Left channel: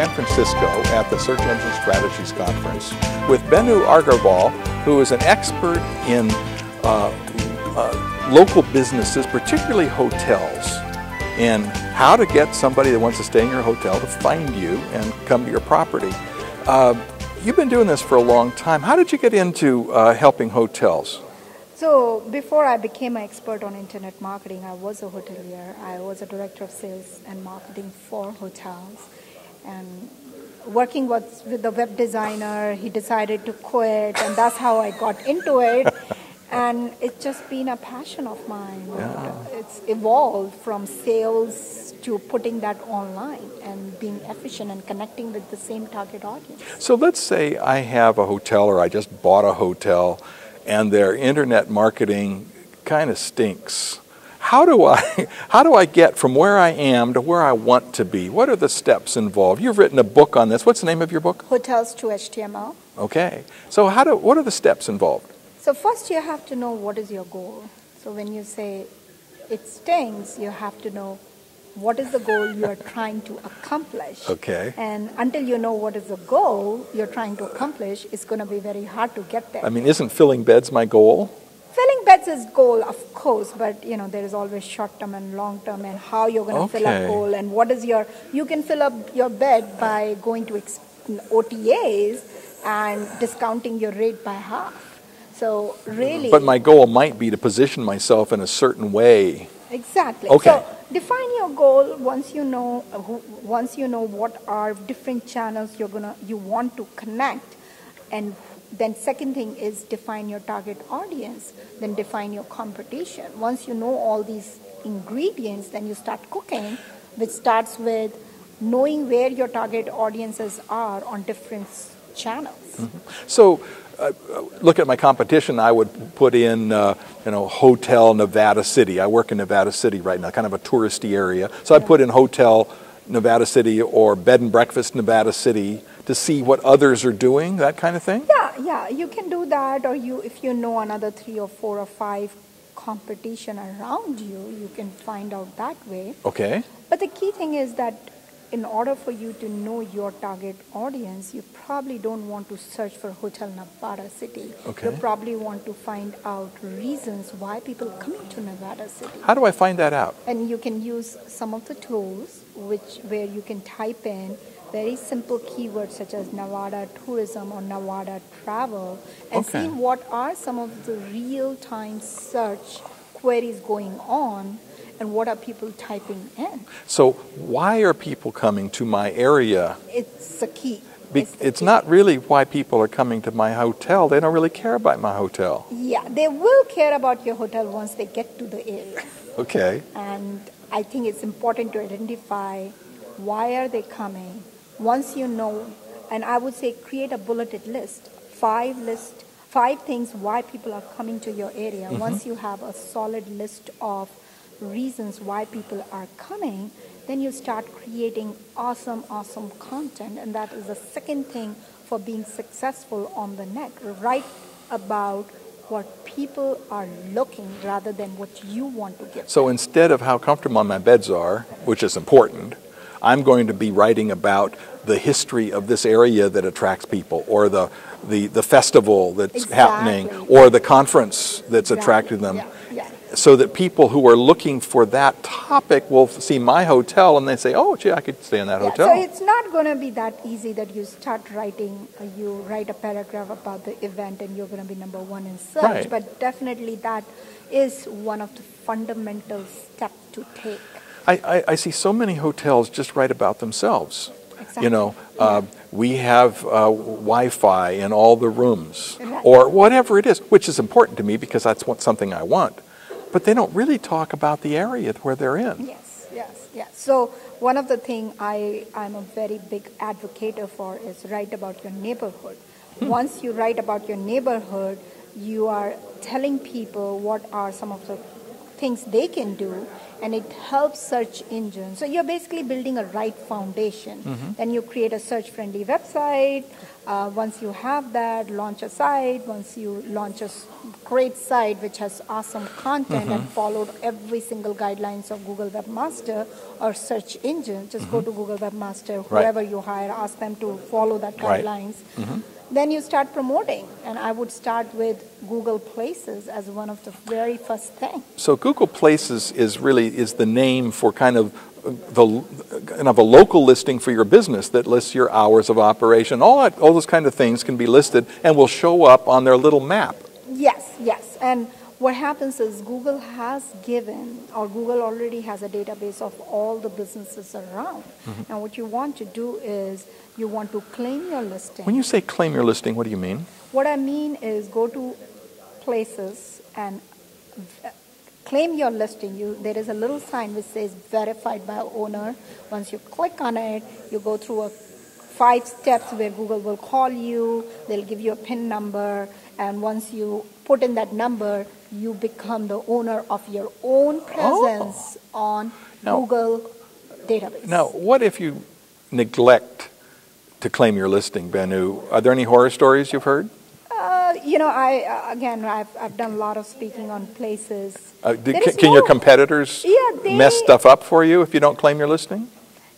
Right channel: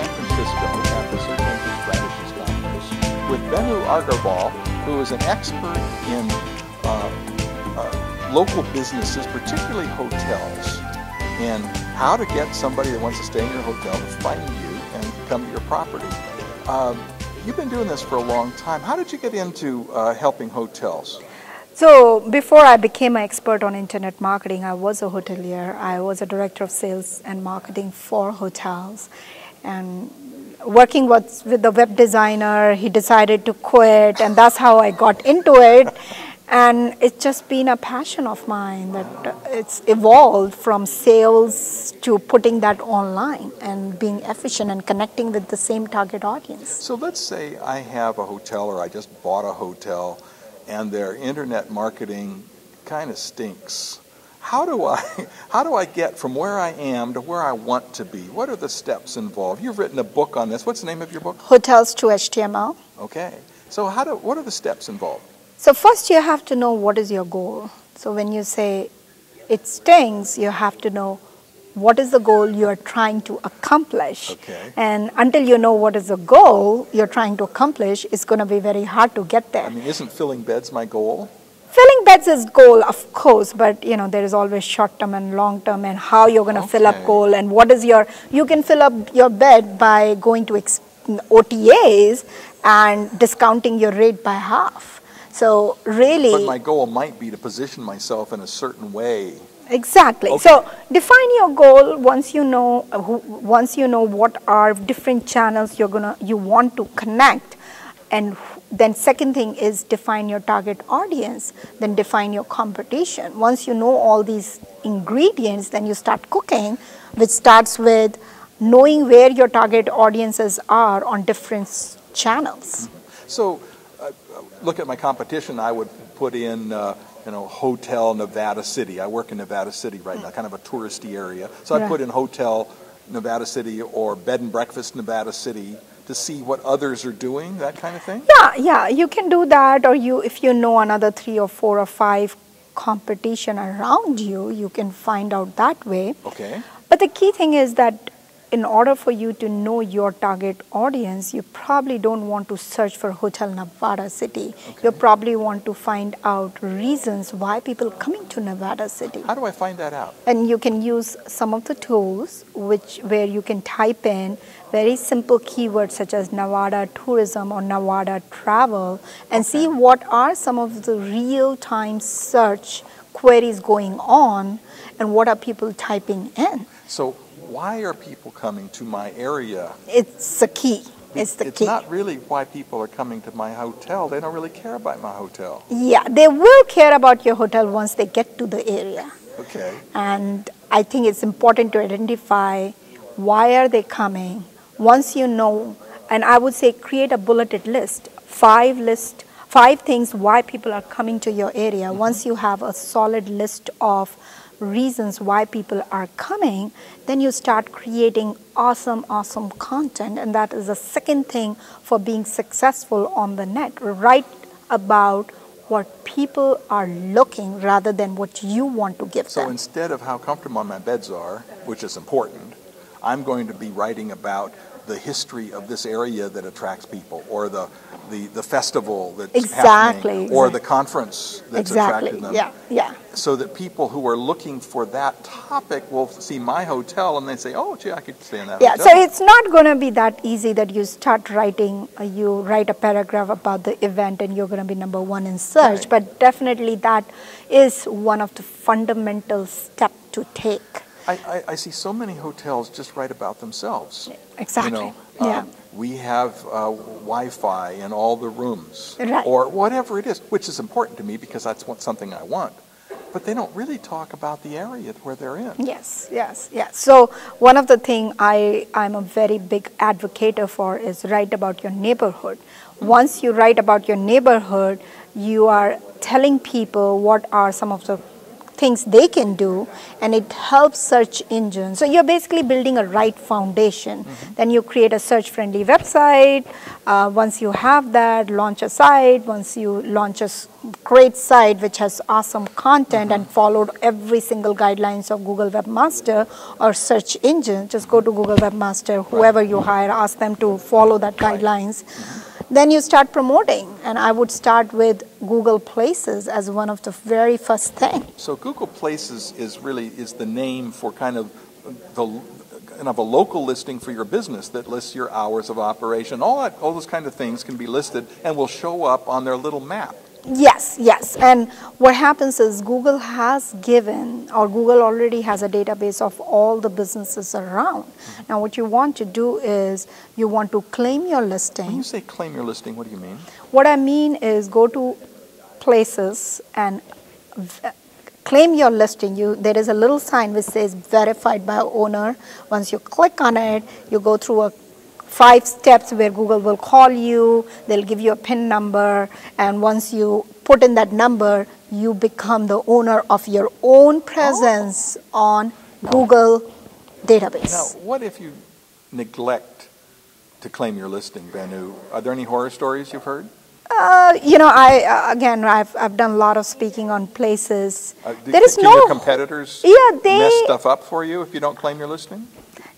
San Francisco at the Search Engine Strategies Conference with Benu Aggarwal, who is an expert in local businesses, particularly hotels, and how to get somebody that wants to stay in your hotel to find you and come to your property. You've been doing this for a long time. How did you get into helping hotels? So before I became an expert on internet marketing, I was a hotelier. I was a director of sales and marketing for hotels. And working with the web designer, he decided to quit, and that's how I got into it. And it's just been a passion of mine that it's evolved from sales to putting that online and being efficient and connecting with the same target audience. So let's say I have a hotel, or I just bought a hotel, and their internet marketing kind of stinks. How do I get from where I am to where I want to be? What are the steps involved? You've written a book on this. What's the name of your book? Hotels to HTML. Okay. So what are the steps involved? So first you have to know what is your goal. So when you say it stinks, you have to know what is the goal you are trying to accomplish. Okay. And until you know what is the goal you're trying to accomplish, it's going to be very hard to get there. I mean, isn't filling beds my goal? Filling beds is goal, of course, but there is always short-term and long-term, and how you're going to fill up goal, and what is you can fill up your bed by going to OTAs and discounting your rate by half. So really... But my goal might be to position myself in a certain way. Exactly. Okay. So define your goal once you know what are different channels you want to connect, and then second thing is define your target audience, then define your competition. Once you know all these ingredients, then you start cooking, which starts with knowing where your target audiences are on different channels. Mm-hmm. So look at my competition. I would put in Hotel Nevada City. I work in Nevada City right now, kind of a touristy area. So I'd put in Hotel Nevada City or Bed and Breakfast Nevada City to see what others are doing, that kind of thing? Yeah, you can do that, or if you know another 3 or 4 or 5 competition around you, you can find out that way. Okay. But the key thing is that in order for you to know your target audience, you probably don't want to search for Hotel Nevada City. Okay. You probably want to find out reasons why people are coming to Nevada City. How do I find that out? And you can use some of the tools where you can type in very simple keywords such as Nevada tourism or Nevada travel and see what are some of the real-time search queries going on and what are people typing in. So why are people coming to my area? It's the key. It's not really why people are coming to my hotel. They don't really care about my hotel. Yeah, they will care about your hotel once they get to the area. Okay. And I think it's important to identify why are they coming. Once you know, and I would say create a bulleted list, 5 things why people are coming to your area. Mm-hmm. Once you have a solid list of reasons why people are coming, then you start creating awesome content, and that is the second thing for being successful on the net. Write about what people are looking rather than what you want to give them. So instead of how comfortable my beds are, which is important, I'm going to be writing about the history of this area that attracts people, or the festival that's happening, or the conference that's attracting them. Yeah. So that people who are looking for that topic will see my hotel and they say, oh, gee, I could stay in that hotel. So it's not going to be that easy that you start writing, you write a paragraph about the event and you're going to be number 1 in search. Right. But definitely that is one of the fundamental steps to take. I see so many hotels just write about themselves. Exactly. We have Wi-Fi in all the rooms, right, or whatever it is, which is important to me because that's something I want. But they don't really talk about the area where they're in. Yes. So one of the things I'm a very big advocate for is write about your neighborhood. Once you write about your neighborhood, you are telling people what are some of the things they can do, and it helps search engines. So you're basically building a right foundation. Then you create a search-friendly website. Once you have that, launch a site. Once you launch a great site which has awesome content and followed every single guidelines of Google Webmaster or search engine, just go to Google Webmaster, whoever you hire, ask them to follow that guidelines. Then you start promoting, and I would start with Google Places as one of the very first things. So Google Places is the name for kind of a local listing for your business that lists your hours of operation. All those kind of things can be listed and will show up on their little map. Yes, yes. And what happens is Google has given, or Google already has a database of all the businesses around. Now what you want to do is you want to claim your listing. When you say claim your listing, what do you mean? What I mean is go to Places and claim your listing. There is a little sign which says verified by owner. Once you click on it, you go through 5 steps where Google will call you, they'll give you a PIN number, and once you put in that number, you become the owner of your own presence on Google database. Now, what if you neglect to claim your listing, Benu? Are there any horror stories you've heard? I've done a lot of speaking on Places. Can your competitors mess stuff up for you if you don't claim your listing?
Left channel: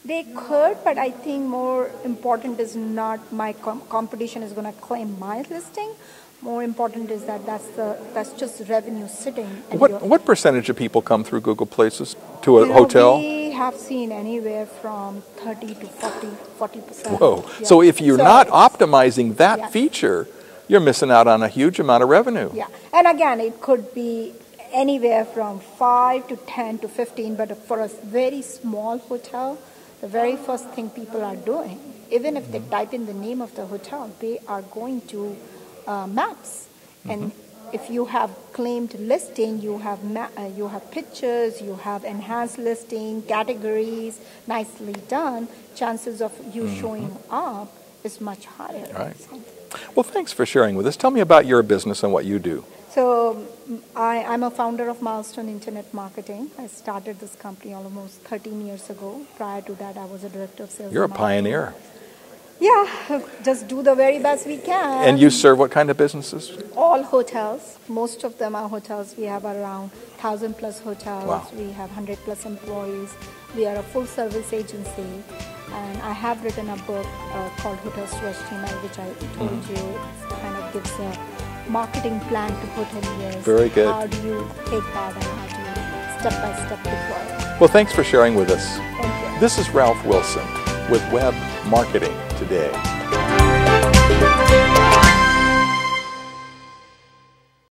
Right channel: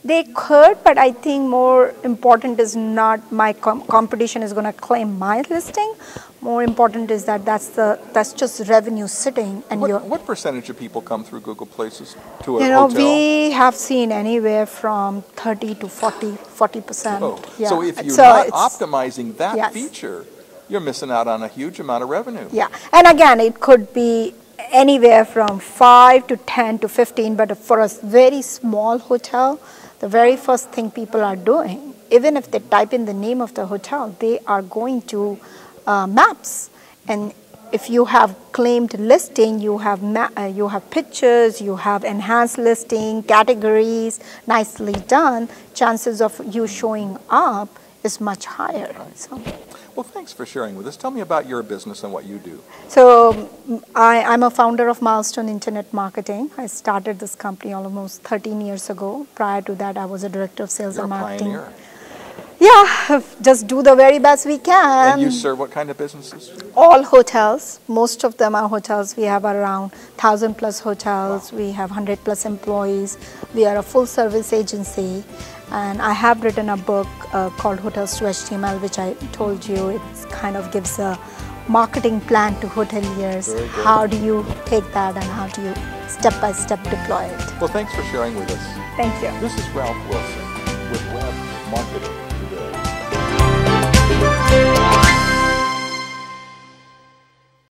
They could, but I think more important is not my competition is going to claim my listing. More important is that's just revenue sitting. And what percentage of people come through Google Places to a hotel? We have seen anywhere from 30 to 40%. Whoa. Yeah. So if you're not optimizing that feature, you're missing out on a huge amount of revenue. Yeah, and again, it could be anywhere from 5 to 10 to 15, but for a very small hotel, the very first thing people are doing, even if they type in the name of the hotel, they are going to maps. And if you have claimed listing, you have pictures, you have enhanced listing, categories, nicely done, chances of you showing up is much higher. Right. So. Well, thanks for sharing with us. Tell me about your business and what you do. So I'm a founder of Milestone Internet Marketing. I started this company almost 13 years ago. Prior to that, I was a director of sales and marketing. You're a pioneer. Yeah, just do the very best we can. And you serve what kind of businesses? All hotels. Most of them are hotels. We have around 1,000 plus hotels. Wow. We have 100 plus employees. We are a full service agency. And I have written a book called Hotels to HTML, which I told you, it kind of gives a marketing plan to hoteliers. Very good. How do you take that and how do you step-by-step deploy it? Well, thanks for sharing with us. Thank you. This is Ralph Wilson with Web Marketing Today.